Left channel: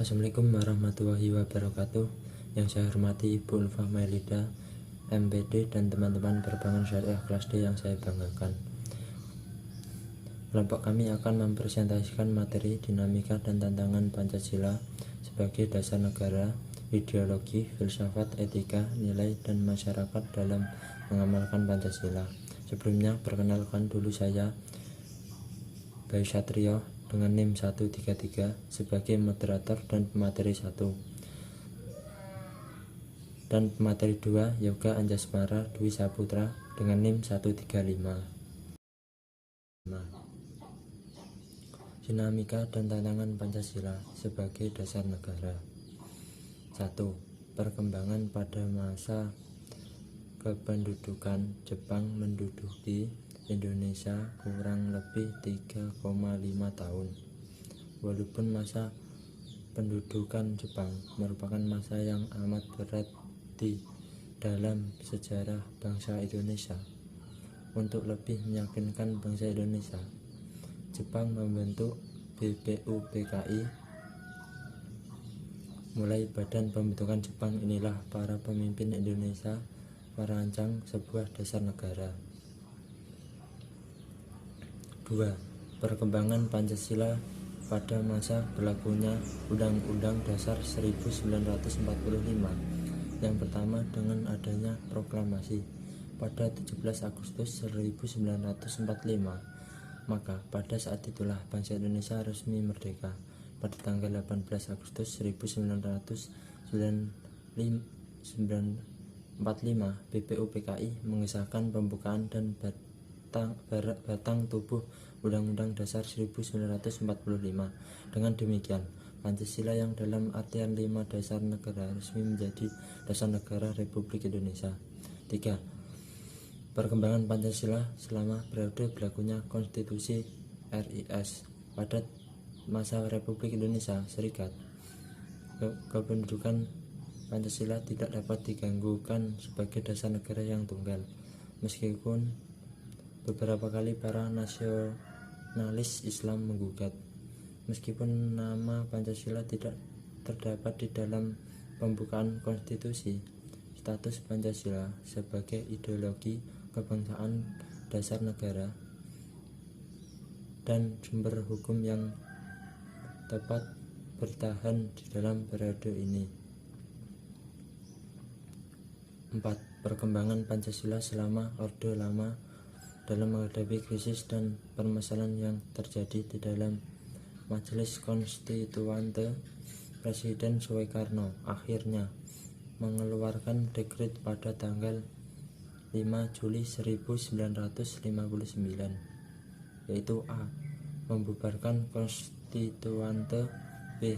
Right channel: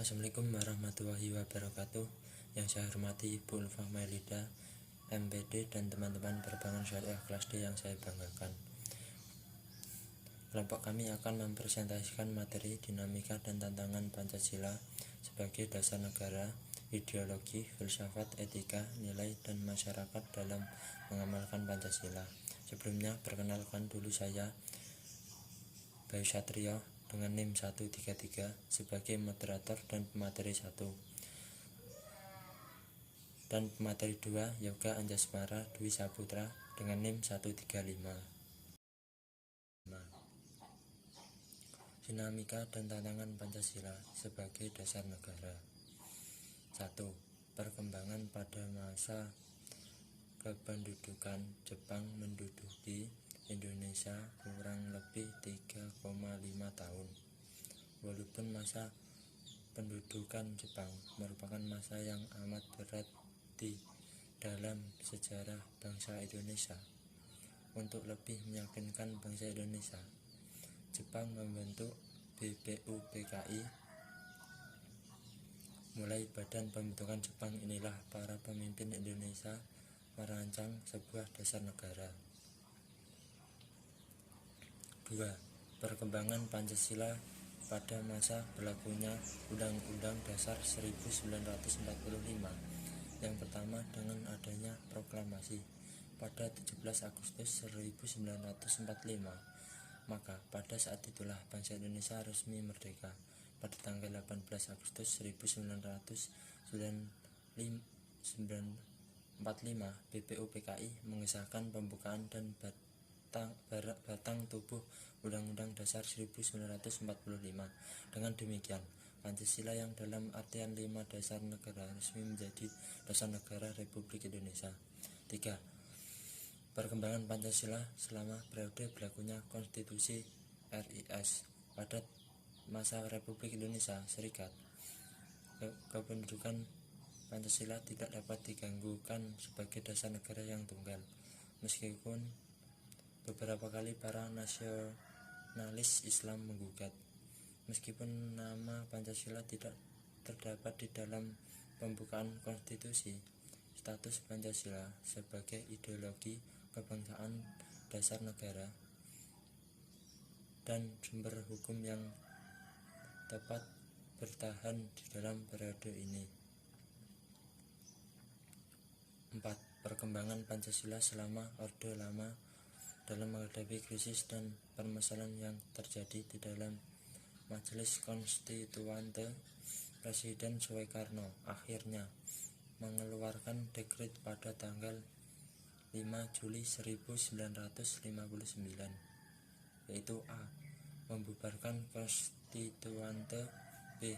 Assalamualaikum warahmatullahi wabarakatuh. Yang saya hormati Ibu Ulfa Melida, MPD, dan teman-teman Perbankan Syariah kelas D yang saya banggakan. Kelompok kami akan mempresentasikan materi dinamika dan tantangan Pancasila sebagai dasar negara, ideologi, filsafat, etika, nilai, dan masyarakat dalam mengamalkan Pancasila. Sebelumnya, perkenalkan dulu saya, Bayu Satrio, dengan NIM 133 sebagai moderator dan pemateri 1, dan pemateri 2 Yoga Anjasmara Dwi Saputra dengan NIM 135. Dinamika dan tantangan Pancasila sebagai dasar negara. 1. Perkembangan pada masa kependudukan Jepang menduduki Indonesia kurang lebih 3,5 tahun. Walaupun masa pendudukan Jepang merupakan masa yang amat berat di dalam sejarah bangsa Indonesia, untuk lebih meyakinkan bangsa Indonesia, Jepang membentuk BPUPKI. Mulai badan pembentukan Jepang inilah para pemimpin Indonesia merancang sebuah dasar negara. 2. Perkembangan Pancasila pada masa berlakunya Undang-Undang Dasar 1945. Yang pertama, dengan adanya proklamasi pada 17 Agustus 1945, maka pada saat itulah bangsa Indonesia resmi merdeka. Pada tanggal 18 Agustus 1945, BPUPKI mengesahkan pembukaan dan batang tubuh Undang-Undang Dasar 1945. Dengan demikian, Pancasila yang dalam artian 5 dasar negara resmi menjadi dasar negara Republik Indonesia. 3. Perkembangan Pancasila selama periode berlakunya Konstitusi RIS. Pada masa Republik Indonesia Serikat, kependudukan Pancasila tidak dapat diganggukan sebagai dasar negara yang tunggal, meskipun beberapa kali para nasionalis Islam menggugat. Meskipun nama Pancasila tidak terdapat di dalam pembukaan konstitusi, status Pancasila sebagai ideologi kebangsaan, dasar negara, dan sumber hukum yang tepat bertahan di dalam periode ini. 4. Perkembangan Pancasila selama Orde Lama dalam menghadapi krisis dan permasalahan yang terjadi di dalam Majelis Konstituante. Presiden Soekarno akhirnya mengeluarkan dekret pada tanggal 5 Juli 1959, yaitu A. Membubarkan Konstituante, B.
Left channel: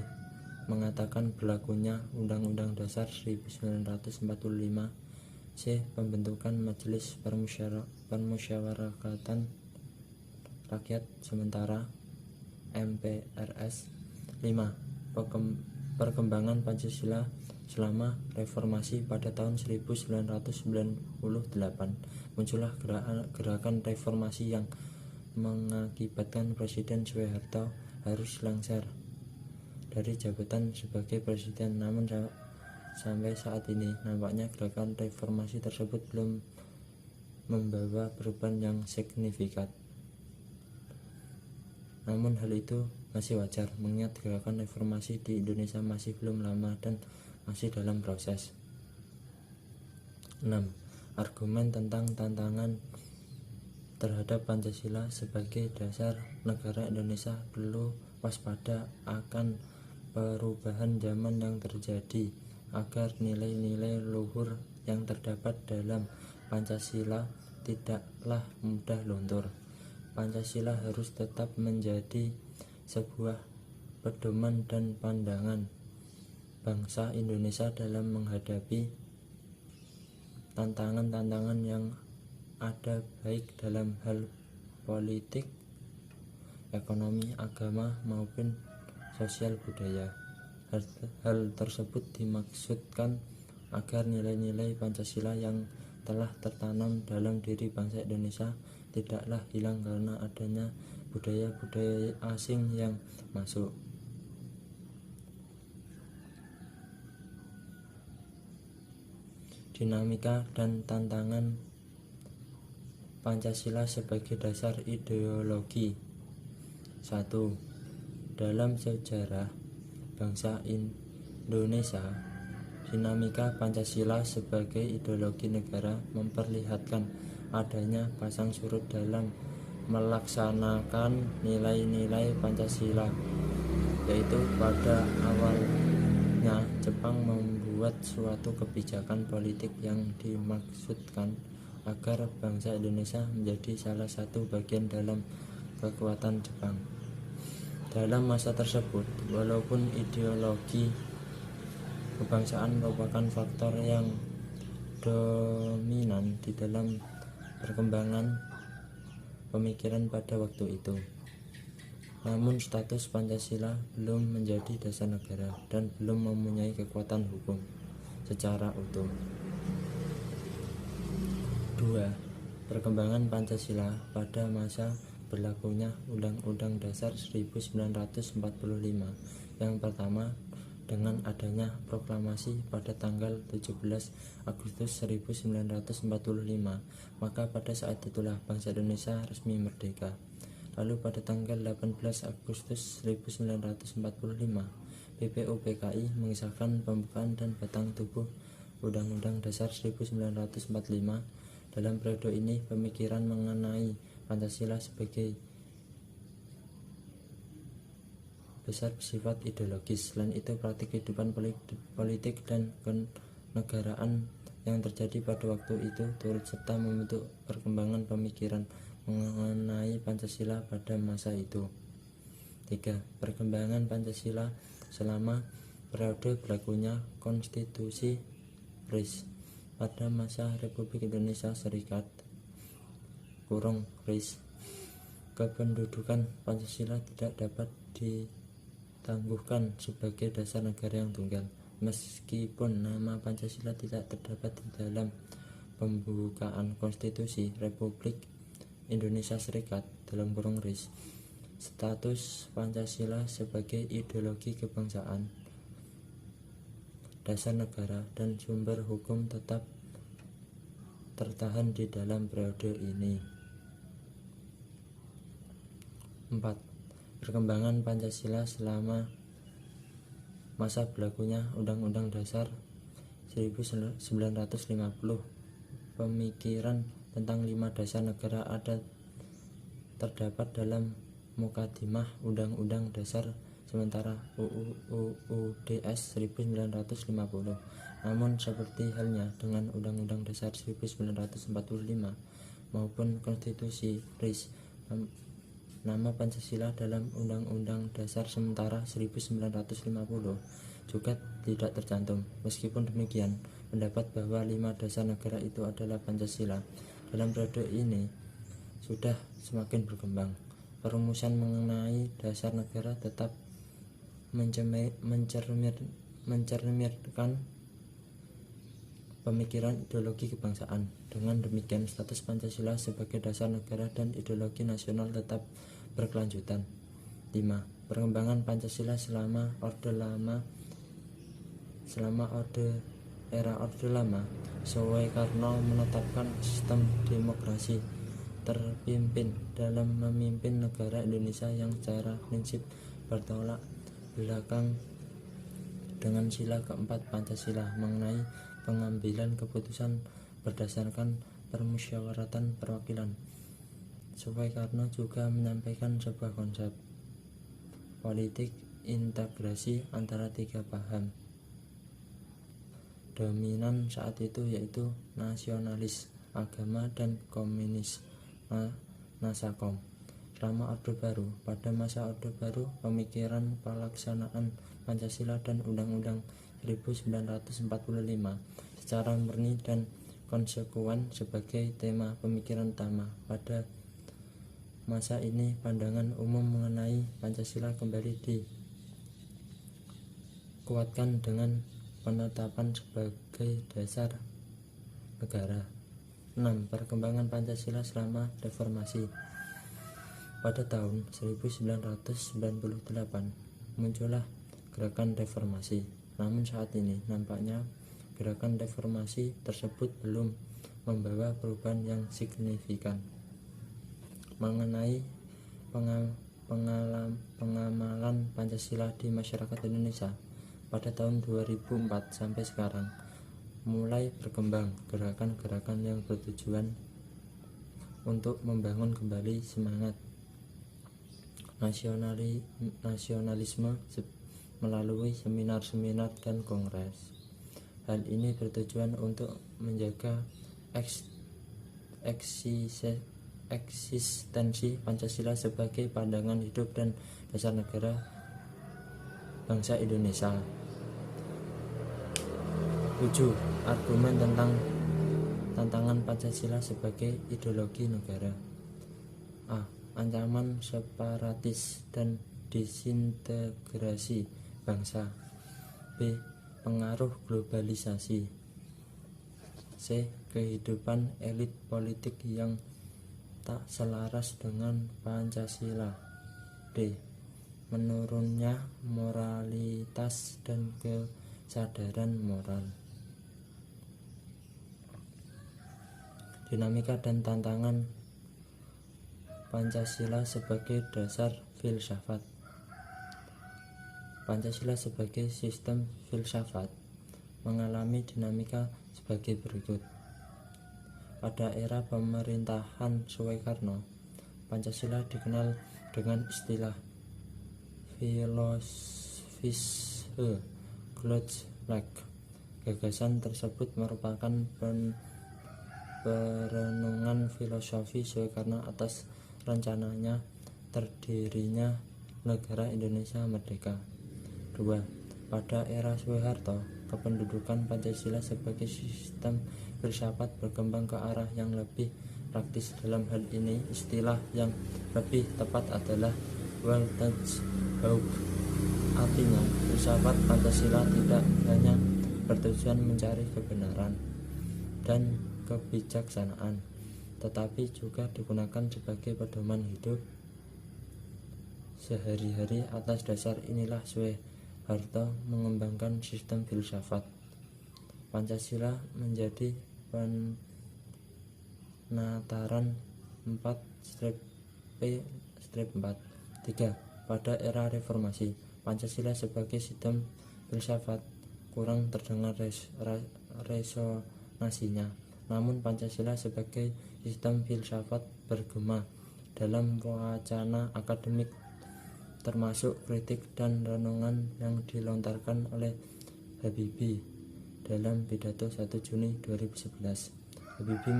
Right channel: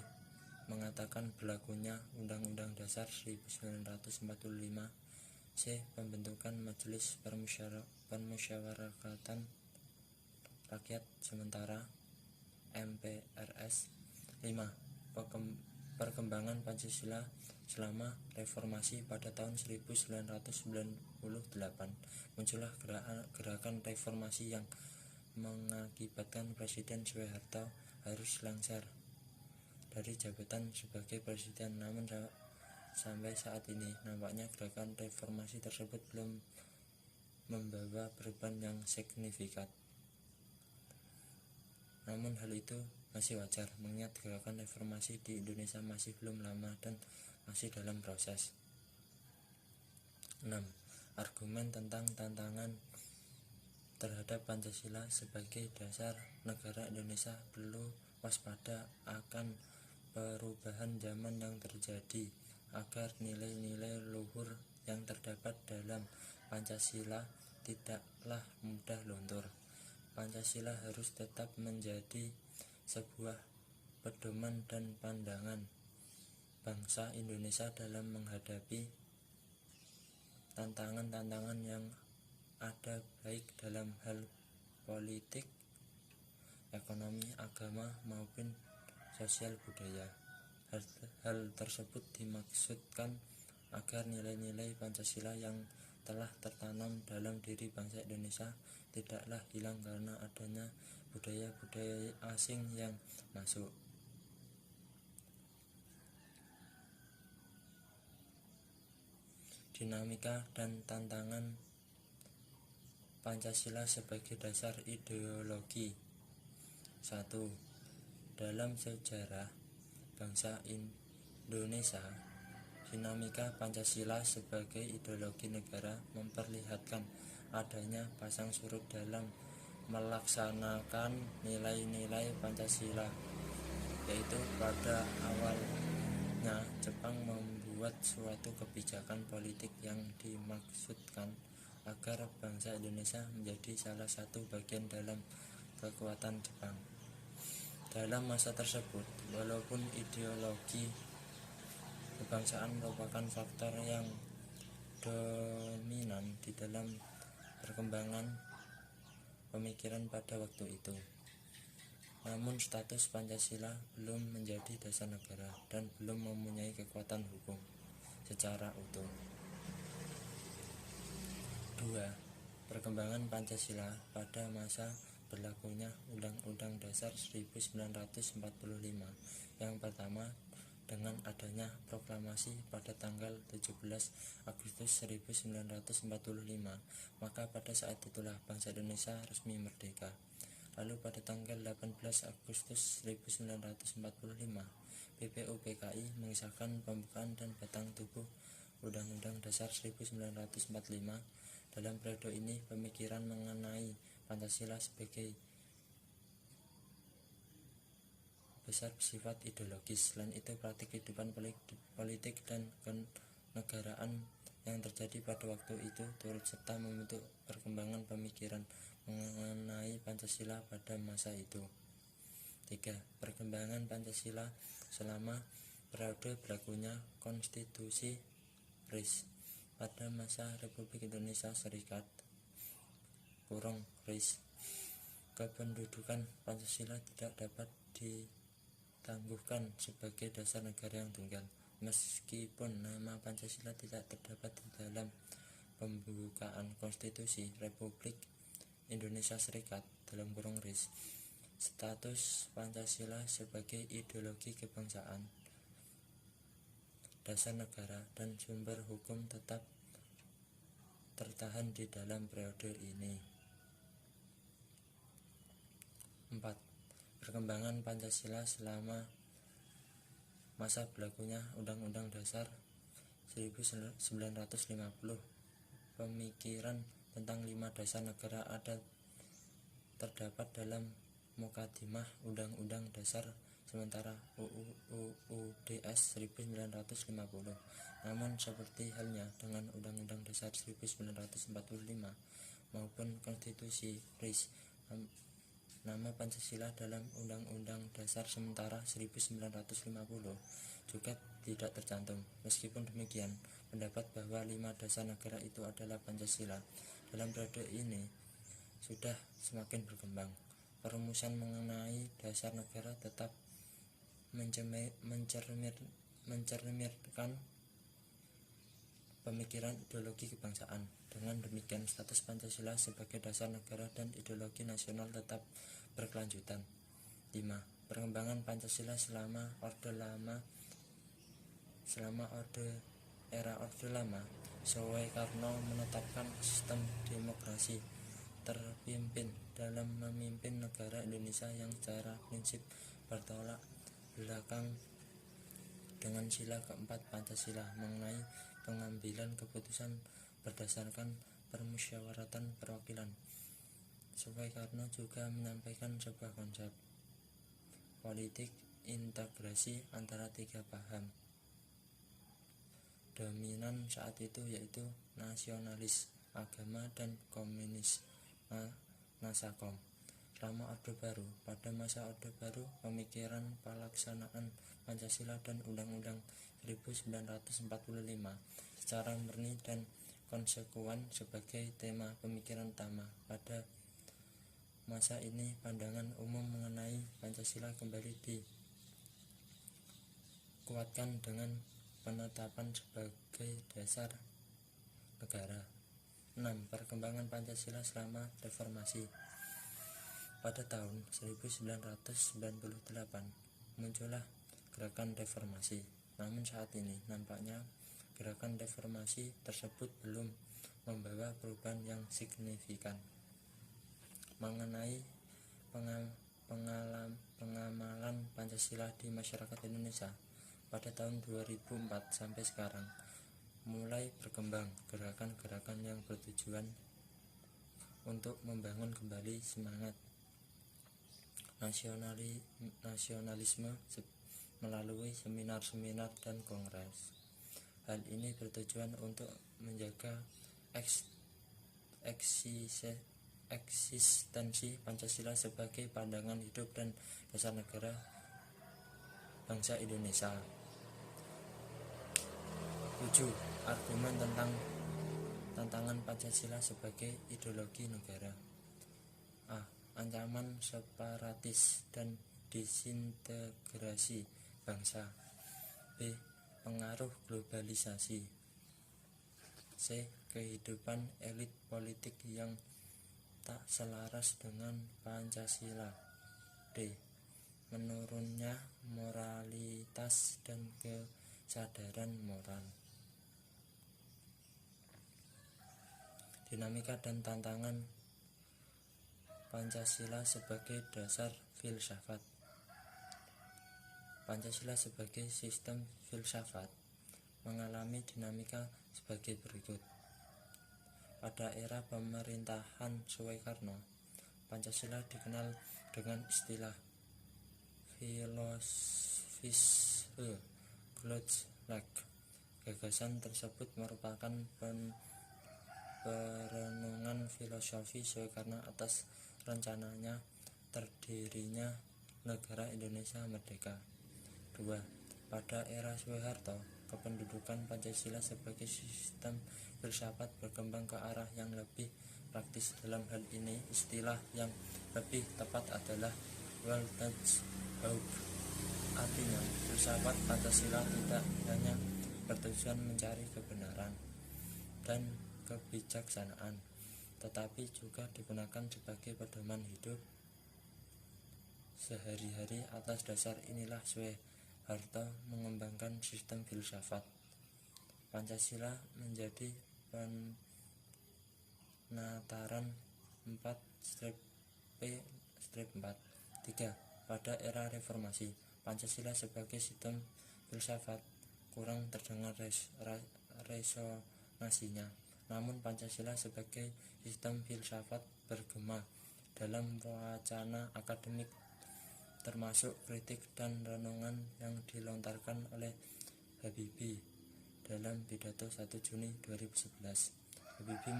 Mengatakan berlakunya Undang-Undang Dasar 1945, C. Pembentukan Majelis Permusyawaratan Rakyat Sementara MPRS. 5. Perkembangan Pancasila selama reformasi. Pada tahun 1998 muncullah gerakan reformasi yang mengakibatkan Presiden Soeharto harus lengser dari jabatan sebagai presiden. Namun sampai saat ini nampaknya gerakan reformasi tersebut belum membawa perubahan yang signifikan. Namun hal itu masih wajar, mengingat gerakan reformasi di Indonesia masih belum lama dan masih dalam proses. 6. Argumen tentang tantangan terhadap Pancasila sebagai dasar negara. Indonesia perlu waspada akan perubahan zaman yang terjadi agar nilai-nilai luhur yang terdapat dalam Pancasila tidaklah mudah luntur. Pancasila harus tetap menjadi sebuah pedoman dan pandangan bangsa Indonesia dalam menghadapi tantangan-tantangan yang ada, baik dalam hal politik, ekonomi, agama, maupun sosial budaya. Hal tersebut dimaksudkan agar nilai-nilai Pancasila yang telah tertanam dalam diri bangsa Indonesia tidaklah hilang karena adanya budaya-budaya asing yang masuk. dinamika dan tantangan Pancasila sebagai dasar ideologi. 1. Dalam sejarah bangsa Indonesia, dinamika Pancasila sebagai ideologi negara memperlihatkan adanya pasang surut dalam melaksanakan nilai-nilai Pancasila, yaitu pada awalnya Jepang membuat suatu kebijakan politik yang dimaksudkan agar bangsa Indonesia menjadi salah satu bagian dalam kekuatan Jepang. Dalam masa tersebut, walaupun ideologi kebangsaan merupakan faktor yang dominan di dalam perkembangan pemikiran pada waktu itu, namun status Pancasila belum menjadi dasar negara dan belum mempunyai kekuatan hukum secara utuh. 2. Perkembangan Pancasila pada masa berlakunya Undang-Undang Dasar 1945. Yang pertama, dengan adanya proklamasi pada tanggal 17 Agustus 1945, maka pada saat itulah bangsa Indonesia resmi merdeka. Lalu pada tanggal 18 Agustus 1945, BPUPKI mengesahkan pembukaan dan batang tubuh Undang-Undang Dasar 1945. Dalam periode ini, pemikiran mengenai Pancasila sebagai besar bersifat ideologis. Selain itu, praktik kehidupan politik dan kenegaraan yang terjadi pada waktu itu turut serta membentuk perkembangan pemikiran mengenai Pancasila pada masa itu. 3. Perkembangan Pancasila selama periode berlakunya Konstitusi RIS. Pada masa Republik Indonesia Serikat (RIS), kependudukan Pancasila tidak dapat ditangguhkan sebagai dasar negara yang tunggal. Meskipun nama Pancasila tidak terdapat di dalam pembukaan Konstitusi Republik Indonesia Serikat (RIS), status Pancasila sebagai ideologi kebangsaan, dasar negara, dan sumber hukum tetap tertahan di dalam periode ini. 4. Perkembangan Pancasila selama masa berlakunya Undang-Undang Dasar 1950. Pemikiran tentang 5 dasar negara ada terdapat dalam Mukadimah Undang-Undang Dasar sementara UUDS 1950. Namun seperti halnya dengan Undang-Undang Dasar 1945 maupun Konstitusi RIS, nama Pancasila dalam Undang-Undang Dasar sementara 1950 juga tidak tercantum. Meskipun demikian, pendapat bahwa 5 dasar negara itu adalah Pancasila dalam periode ini sudah semakin berkembang. Perumusan mengenai dasar negara tetap mencerminkan pemikiran ideologi kebangsaan. Dengan demikian, status Pancasila sebagai dasar negara dan ideologi nasional tetap berkelanjutan. 5. Perkembangan Pancasila selama era Orde Lama. Soekarno menetapkan sistem demokrasi terpimpin dalam memimpin negara Indonesia yang secara prinsip bertolak belakang dengan sila keempat Pancasila mengenai pengambilan keputusan berdasarkan permusyawaratan perwakilan. Soekarno juga menyampaikan sebuah konsep politik integrasi antara 3 paham dominan saat itu, yaitu nasionalis, agama, dan komunis Nasakom. Selama Orde Baru, pada masa Orde Baru, pemikiran pelaksanaan Pancasila dan Undang-Undang 1945 secara murni dan konsekuen sebagai tema pemikiran utama. Pada masa ini, pandangan umum mengenai Pancasila kembali dikuatkan dengan penetapan sebagai dasar negara. 6. Perkembangan Pancasila selama reformasi. Pada tahun 1998 muncullah gerakan reformasi. Namun saat ini nampaknya gerakan reformasi tersebut belum membawa perubahan yang signifikan. Mengenai pengamalan Pancasila di masyarakat Indonesia pada tahun 2004 sampai sekarang, mulai berkembang gerakan-gerakan yang bertujuan untuk membangun kembali semangat nasionalisme melalui seminar-seminar dan kongres. Hal ini bertujuan untuk menjaga eksistensi Pancasila sebagai pandangan hidup dan dasar negara bangsa Indonesia. 7. Argumen tentang tantangan Pancasila sebagai ideologi negara. A. Ancaman separatis dan disintegrasi bangsa. B. Pengaruh globalisasi. C. Kehidupan elit politik yang tak selaras dengan Pancasila. D. Menurunnya moralitas dan kesadaran moral. Dinamika dan tantangan Pancasila sebagai dasar filsafat. Pancasila sebagai sistem filsafat mengalami dinamika sebagai berikut. Pada era pemerintahan Soekarno, Pancasila dikenal dengan istilah filosofische Grundlage. Gagasan tersebut merupakan perenungan filosofi Soekarno atas rencananya terdirinya negara Indonesia merdeka. 2. Pada era Soeharto, kependudukan Pancasila sebagai sistem filsafat berkembang ke arah yang lebih praktis. Dalam hal ini, istilah yang lebih tepat adalah Weltanschauung. Artinya, filsafat Pancasila tidak hanya bertujuan mencari kebenaran dan kebijaksanaan, tetapi juga digunakan sebagai pedoman hidup sehari-hari. Atas dasar inilah Soeharto mengembangkan sistem filsafat Pancasila menjadi penataran 4-P-4. 3. Pada era reformasi, Pancasila sebagai sistem filsafat kurang terdengar resonansinya. Namun Pancasila sebagai sistem filsafat bergema dalam wacana akademik, termasuk kritik dan renungan yang dilontarkan oleh Habibie dalam pidato 1 Juni 2011. Habibie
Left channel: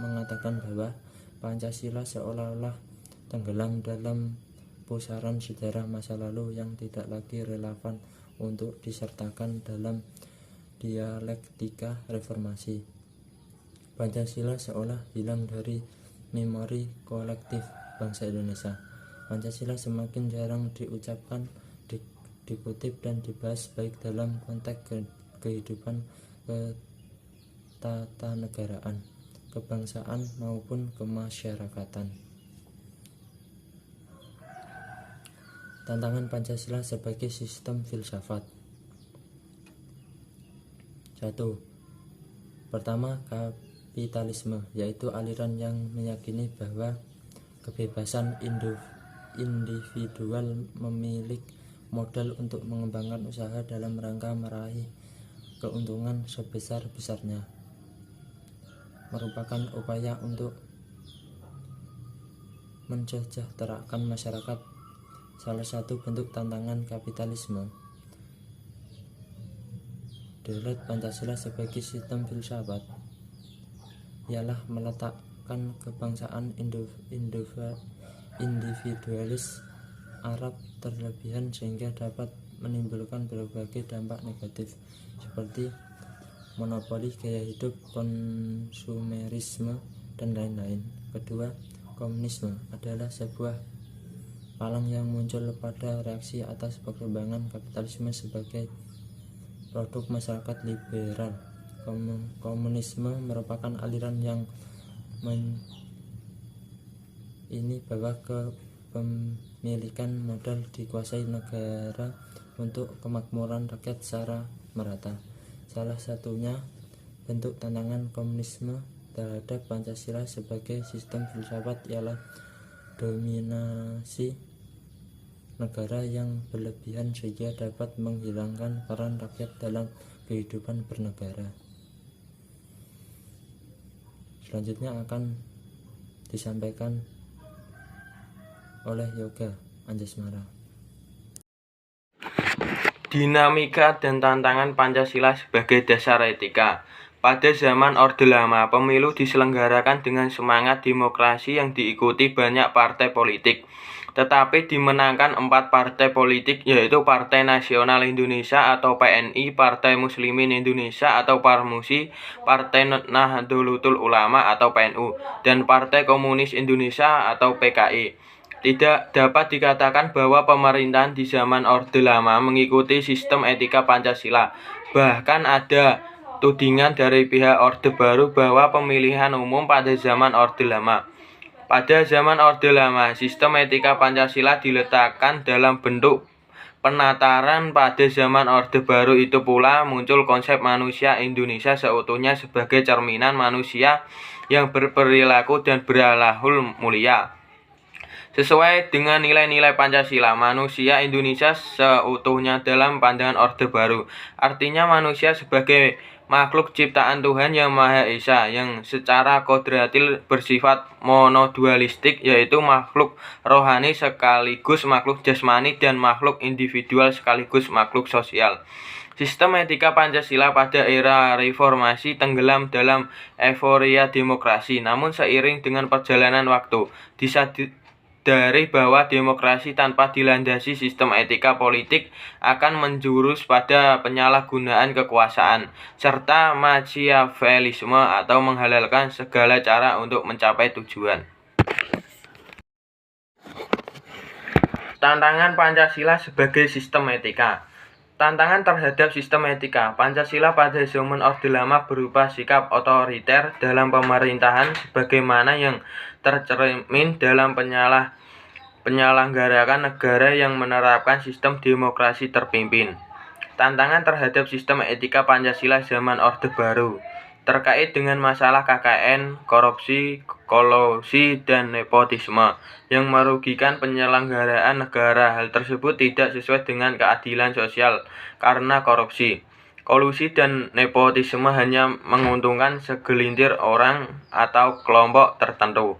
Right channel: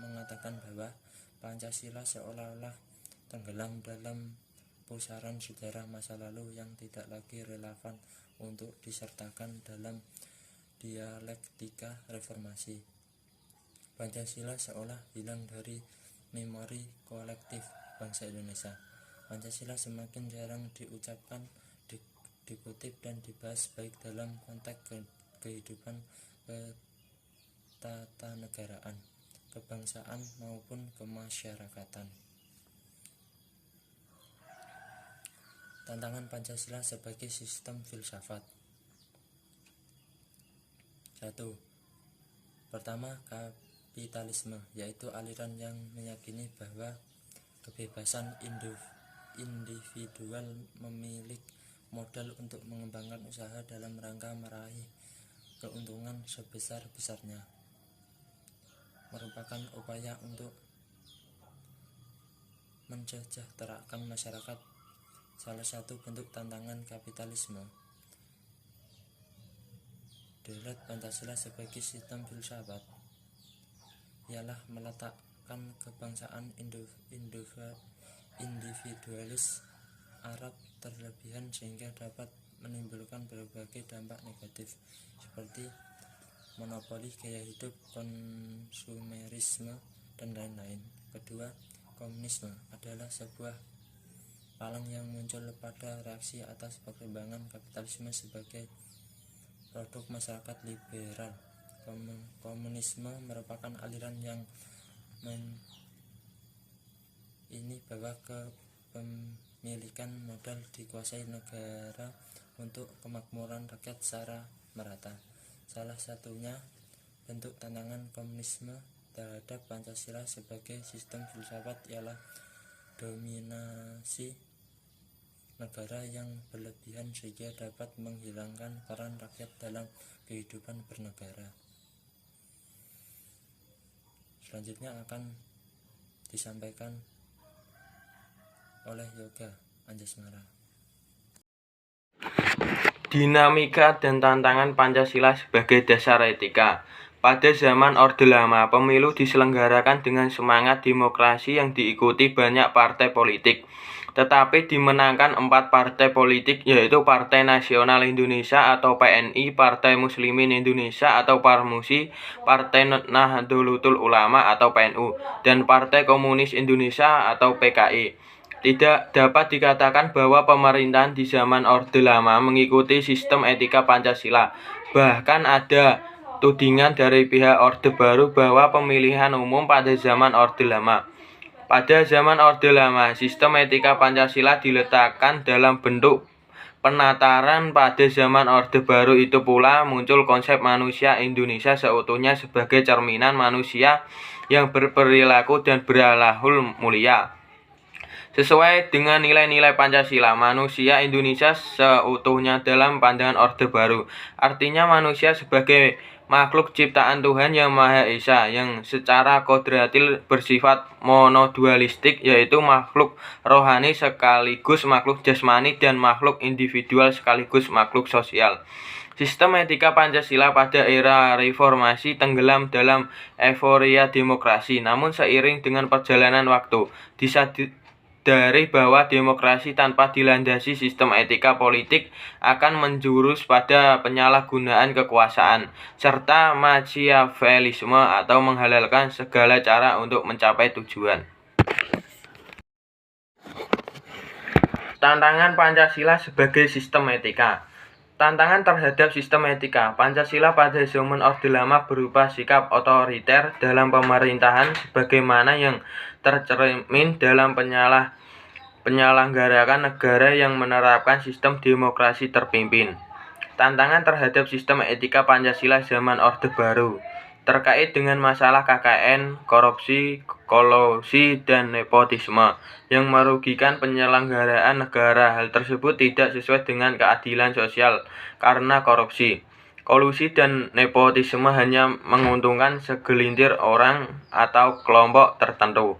mengatakan bahwa Pancasila seolah-olah tenggelam dalam pusaran sejarah masa lalu yang tidak lagi relevan untuk disertakan dalam dialektika reformasi. Pancasila seolah hilang dari memori kolektif bangsa Indonesia. Pancasila semakin jarang diucapkan, dikutip dan dibahas baik dalam konteks kehidupan ketatanegaraan, kebangsaan maupun kemasyarakatan. Tantangan Pancasila sebagai sistem filsafat. 1. Pertama, kapitalisme, yaitu aliran yang meyakini bahwa kebebasan individual memiliki modal untuk mengembangkan usaha dalam rangka meraih keuntungan sebesar-besarnya, merupakan upaya untuk mensejahterakan masyarakat. Salah satu bentuk tantangan kapitalisme dari Pancasila sebagai sistem filsafat ialah meletakkan kebangsaan individualis Arab terlebihan sehingga dapat menimbulkan berbagai dampak negatif seperti monopoli gaya hidup, konsumerisme, dan lain-lain. Kedua, komunisme adalah sebuah palang yang muncul pada reaksi atas perkembangan kapitalisme sebagai produk masyarakat liberal. Komunisme merupakan aliran yang ini bahwa kepemilikan modal dikuasai negara untuk kemakmuran rakyat secara merata. Salah satunya bentuk tantangan komunisme terhadap Pancasila sebagai sistem filsafat ialah dominasi negara yang berlebihan sehingga dapat menghilangkan peran rakyat dalam kehidupan bernegara. Selanjutnya akan disampaikan oleh Yoga Anjasmara. Dinamika dan tantangan Pancasila sebagai dasar etika. Pada zaman Orde Lama, pemilu diselenggarakan dengan semangat demokrasi yang diikuti banyak partai politik. Tetapi dimenangkan 4 partai politik, yaitu Partai Nasional Indonesia atau PNI, Partai Muslimin Indonesia atau Parmusi, Partai Nahdlatul Ulama atau PNU, dan Partai Komunis Indonesia atau PKI. Tidak dapat dikatakan bahwa pemerintahan di zaman Orde Lama mengikuti sistem etika Pancasila. Bahkan ada tudingan dari pihak Orde Baru bahwa pemilihan umum pada zaman Orde Lama. Pada zaman Orde Lama, sistem etika Pancasila diletakkan dalam bentuk penataran. Pada zaman Orde Baru itu pula muncul konsep manusia Indonesia seutuhnya sebagai cerminan manusia yang berperilaku dan berakhlak mulia. Sesuai dengan nilai-nilai Pancasila, manusia Indonesia seutuhnya dalam pandangan Orde Baru artinya manusia sebagai makhluk ciptaan Tuhan Yang Maha Esa yang secara kodratil bersifat monodualistik, yaitu makhluk rohani sekaligus makhluk jasmani dan makhluk individual sekaligus makhluk sosial. Sistem etika Pancasila pada era reformasi tenggelam dalam euforia demokrasi, namun seiring dengan perjalanan waktu disadari bahwa demokrasi tanpa dilandasi sistem etika politik akan menjurus pada penyalahgunaan kekuasaan serta Machiavellisme atau menghalalkan segala cara untuk mencapai tujuan. Tantangan Pancasila sebagai sistem etika. Tantangan terhadap sistem etika Pancasila pada zaman Orde Lama berupa sikap otoriter dalam pemerintahan sebagaimana yang tercermin dalam penyelenggarakan negara yang menerapkan sistem demokrasi terpimpin. Tantangan terhadap sistem etika Pancasila zaman Orde Baru terkait dengan masalah KKN, korupsi, kolusi, dan nepotisme yang merugikan penyelenggaraan negara. Hal tersebut tidak sesuai dengan keadilan sosial karena korupsi, kolusi, dan nepotisme hanya menguntungkan segelintir orang atau kelompok tertentu.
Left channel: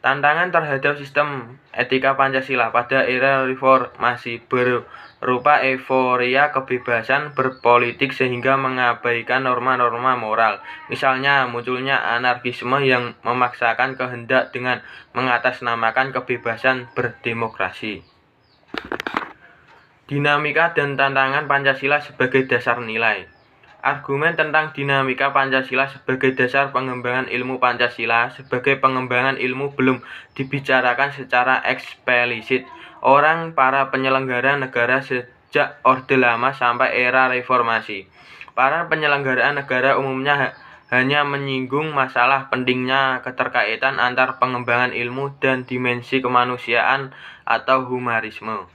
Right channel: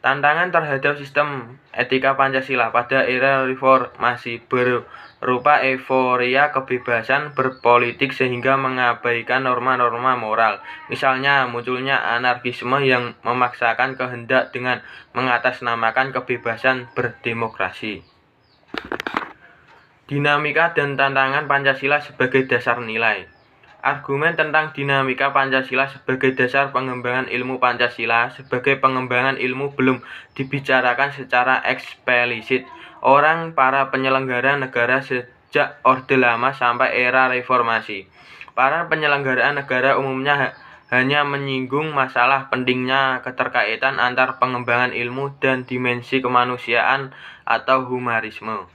Tantangan terhadap sistem etika Pancasila pada era reformasi berupa euforia kebebasan berpolitik sehingga mengabaikan norma-norma moral. Misalnya munculnya anarkisme yang memaksakan kehendak dengan mengatasnamakan kebebasan berdemokrasi. Dinamika dan tantangan Pancasila sebagai dasar nilai. Argumen tentang dinamika Pancasila sebagai dasar pengembangan ilmu Pancasila sebagai pengembangan ilmu belum dibicarakan secara eksplisit para penyelenggara negara sejak Orde Lama sampai era reformasi. Para penyelenggara negara umumnya hanya menyinggung masalah pentingnya keterkaitan antar pengembangan ilmu dan dimensi kemanusiaan atau humanisme.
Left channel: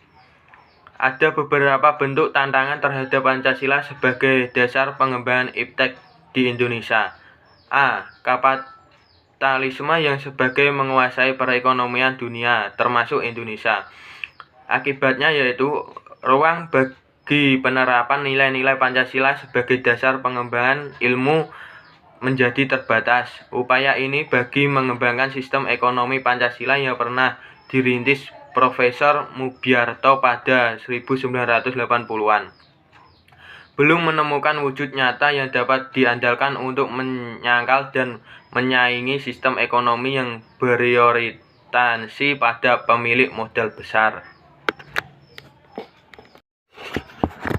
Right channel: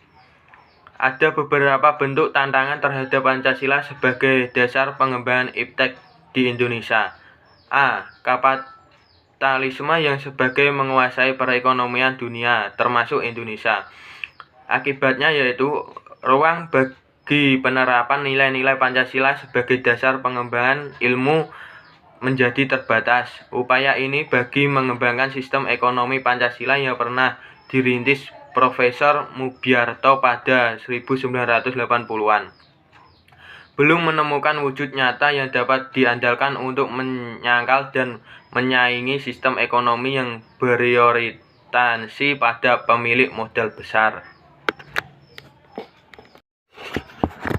Ada beberapa bentuk tantangan terhadap Pancasila sebagai dasar pengembangan iptek di Indonesia. A. Kapitalisme yang sebagai menguasai perekonomian dunia, termasuk Indonesia. Akibatnya yaitu ruang bagi penerapan nilai-nilai Pancasila sebagai dasar pengembangan ilmu menjadi terbatas. Upaya ini bagi mengembangkan sistem ekonomi Pancasila yang pernah dirintis Profesor Mubyarto pada 1980-an. Belum menemukan wujud nyata yang dapat diandalkan untuk menyangkal dan menyaingi sistem ekonomi yang berorientasi pada pemilik modal besar.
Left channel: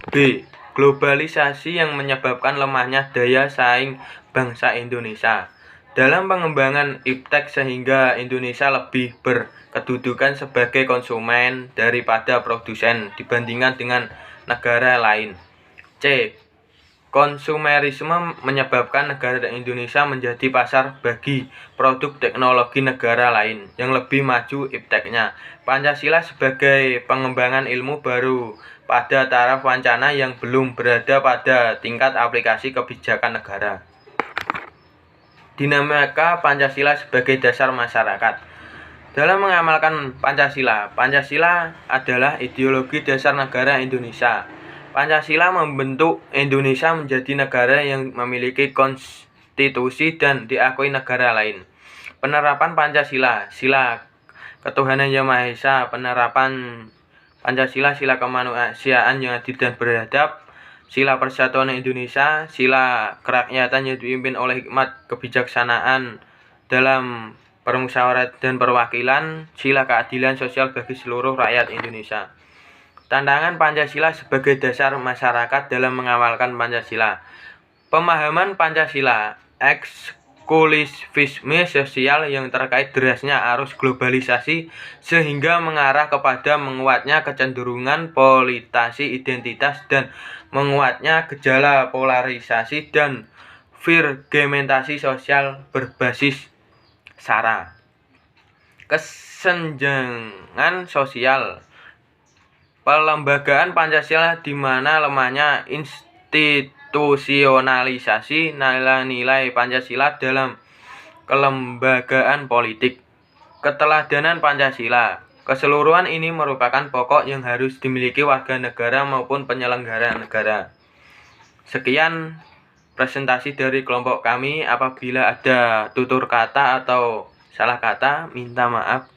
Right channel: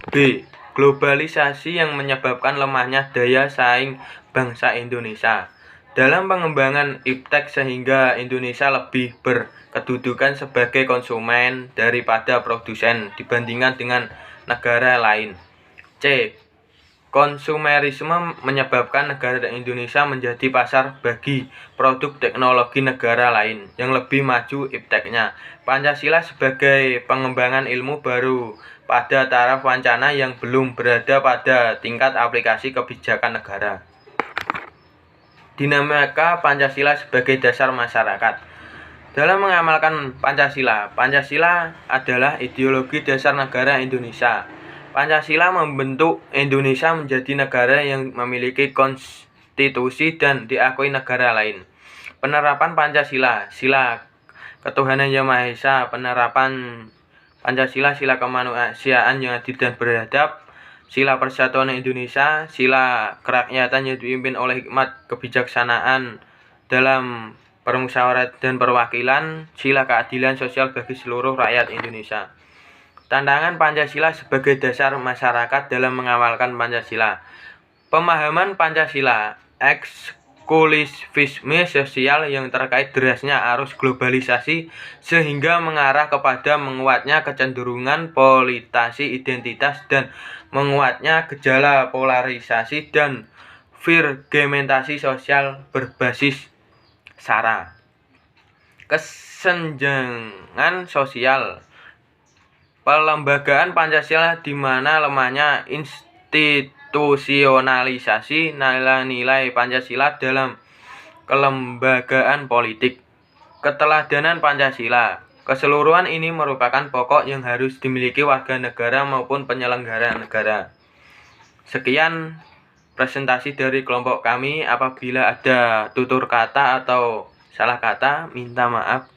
B. Globalisasi yang menyebabkan lemahnya daya saing bangsa Indonesia dalam pengembangan iptek sehingga Indonesia lebih berkedudukan sebagai konsumen daripada produsen dibandingkan dengan negara lain. C. Konsumerisme menyebabkan negara Indonesia menjadi pasar bagi produk teknologi negara lain yang lebih maju ipteknya. Pancasila sebagai pengembangan ilmu baru pada taraf wacana yang belum berada pada tingkat aplikasi kebijakan negara. Dinamika Pancasila sebagai dasar masyarakat. Dalam mengamalkan Pancasila, Pancasila adalah ideologi dasar negara Indonesia. Pancasila membentuk Indonesia menjadi negara yang memiliki konstitusi dan diakui negara lain. Penerapan Pancasila, sila ketuhanan yang Maha Esa, penerapan Pancasila, sila kemanusiaan yang adil dan beradab, sila persatuan Indonesia, sila kerakyatan yang dipimpin oleh hikmat kebijaksanaan dalam permusyawaratan dan perwakilan, sila keadilan sosial bagi seluruh rakyat Indonesia. Tantangan Pancasila sebagai dasar masyarakat dalam mengamalkan Pancasila. Pemahaman Pancasila, eksklusivisme sosial yang terkait derasnya arus globalisasi sehingga mengarah kepada menguatnya kecenderungan politisasi identitas dan menguatnya gejala polarisasi dan fragmentasi sosial berbasis SARA. Kesenjangan sosial. Pelembagaan Pancasila di mana lemahnya institusionalisasi nilai-nilai Pancasila dalam kelembagaan politik. Keteladanan Pancasila. Keseluruhan ini merupakan pokok yang harus dimiliki warga negara maupun penyelenggara negara. Sekian presentasi dari kelompok kami. Apabila ada tutur kata atau salah kata, minta maaf.